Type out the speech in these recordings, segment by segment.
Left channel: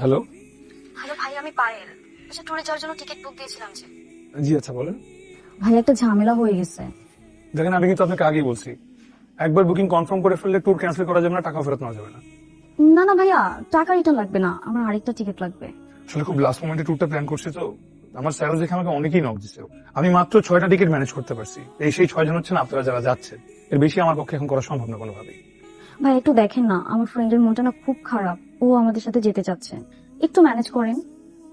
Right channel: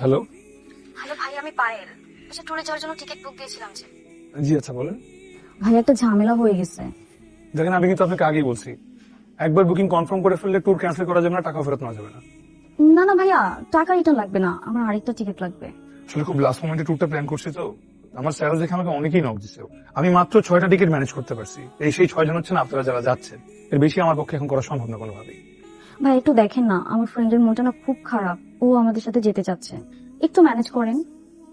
Hello hello ভাই আমি পায়েল। আচ্ছা ট্যুরে যাওয়ার জন্য টিকিট বুক দিয়েছিলাম যে। জি আচ্ছা বলেন। ভাই একটা ঝামেলা হয়ে গেছে। দেখেন আমি কিন্তু আপনাকে আগেই বলছি। একবার বুকিং কনফার্ম করে ফেললে ট্যুর ক্যান্সেল করা যাবে না টাকা ফেরত নেওয়া যাবে না। না না ভাইয়া টাকা রিটার্ন লাগবে না। আমার আরেকটা টিকিট লাগবে। আসলে খুব লাস্ট মোমেন্টে ট্যুরটা প্ল্যান করছি তো। আমার স্যার দেখে আমাকে অনেকেই নক দিচ্ছে আমি মাত্র ছয়টা টিকিট ম্যানেজ করতে পারছি। এই সেই ছয়জন হচ্ছেন আপনারা যারা যাচ্ছেন। এর বেশি আমার পক্ষে এখন করা সম্ভব না কোনোভাবেই। ভাই একটু দেখেন না আমার ফ্রেন্ডের মনটা না খুব খারাপ। ও আমাদের সাথে যেতে চাচ্ছে। একটু ম্যানেজ করেন।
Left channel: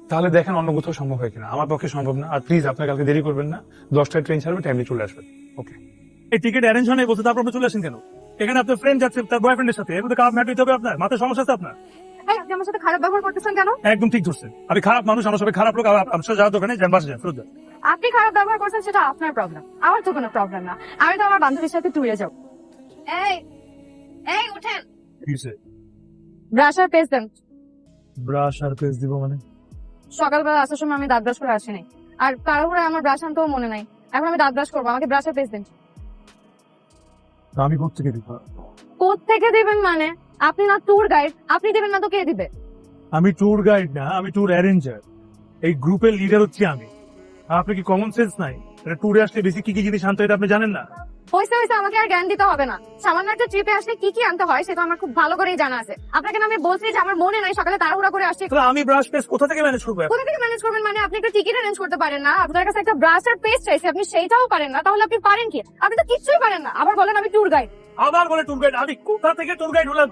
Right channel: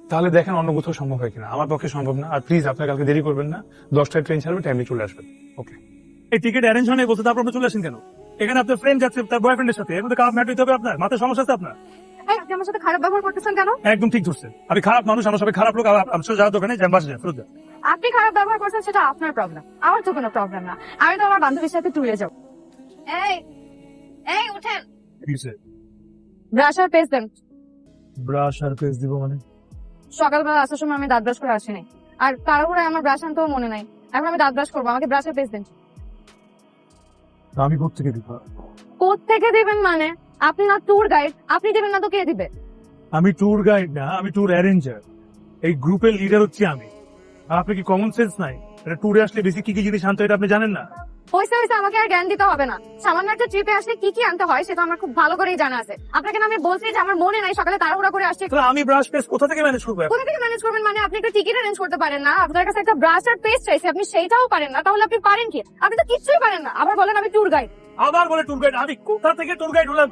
তাহলে দেখেন অন্য কোথাও সম্ভব হয় কিনা। আমার পক্ষে সম্ভব না। আর প্লিজ আপনার কালকে দেরি করবেন না। দশটায় ট্রেন ছাড়বে টাইমে চলে আসবেন। ওকে এই টিকিট অ্যারেঞ্জ হয় বলতে তারপর আপনি চলে আসেন কেন? এখানে আপনার ফ্রেন্ড যাচ্ছে তার বয়ফ্রেন্ডের সাথে। এর মধ্যে কাপ ম্যাট হবে আপনার। মাথায় সমস্যা আছে আপনার? ভাই আপনি আমার সাথে খারাপ ব্যবহার করতেছেন কেন? একদম ঠিক ধরছেন। আমি খারাপ মানুষ আমার সবাই খারাপ লোক। আমার সাথে যাওয়ার দোকানে যান বাসা যান ফেরত যান। আপনি খারাপ ব্যবহার করছেন সেটা আপনার প্রবলেম আমার তো কোনো প্রবলেম না। আমি তো আমার বান্ধবীর সাথে ট্যুরে যাব। এই এই উঠেন। ব্রাশ আর পেস্ট দেন। ব্রাশ আর পেস্ট দিব মানে? সকালবেলা আসার সময় আমি দাঁত ব্রাশ করে আসিনি। আর তাড়াহুড়ো আমার ব্রাশ মনে নাই। এখন আমি দাঁত ব্রাশ করব। আমাকে ব্রাশ আর পেস্ট দেন। আমি কোথেকে দিব? থেকে দেবেন মানে? আপনি না ট্যুর গাইড আপনি দেবেন না তো কে দিবে? আমি ট্যুর গাইড না আমি ট্যুর অ্যারেঞ্জার এই গ্রুপের লিডার হচ্ছি আমি। আর আপনার কি কমন সেন্স নাই? ট্যুরে আসলে বেশি কি কি জিনিস আনতে হয় এটা আপনি জানেন না? হয়েছে হয়েছে আমাকে আর জ্ঞান দিতে হবে না। সামান্য একটা ট্রিপে আসলে কি কি আনতে হয় সেটা আমার খুব ভালো করেই জানা আছে। আপনাকে আমি বলছি যে আমার মনে নাই সকালে তাড়াহুড়া করে আসছে। আমি ব্রাশ পেস্ট কোথা থেকে ম্যানেজ করব কোথা থেকে ম্যানেজ করবেন মানে আপনি একটা টিকিট অ্যারেঞ্জ করতে পারেন না। আপনার কাছে একটা ব্রাশ আর পেস্ট চাইছে আপনি সেইটাও পারেন না। তাহলে আপনি পারেন কি? আপনি তো কিচ্ছুই পারেন না। আবার বলেন আমি ট্যুর গাইড আবার বলে ট্যুর গাইড আমি কোথা থেকে ট্যুর গাইড হলাম?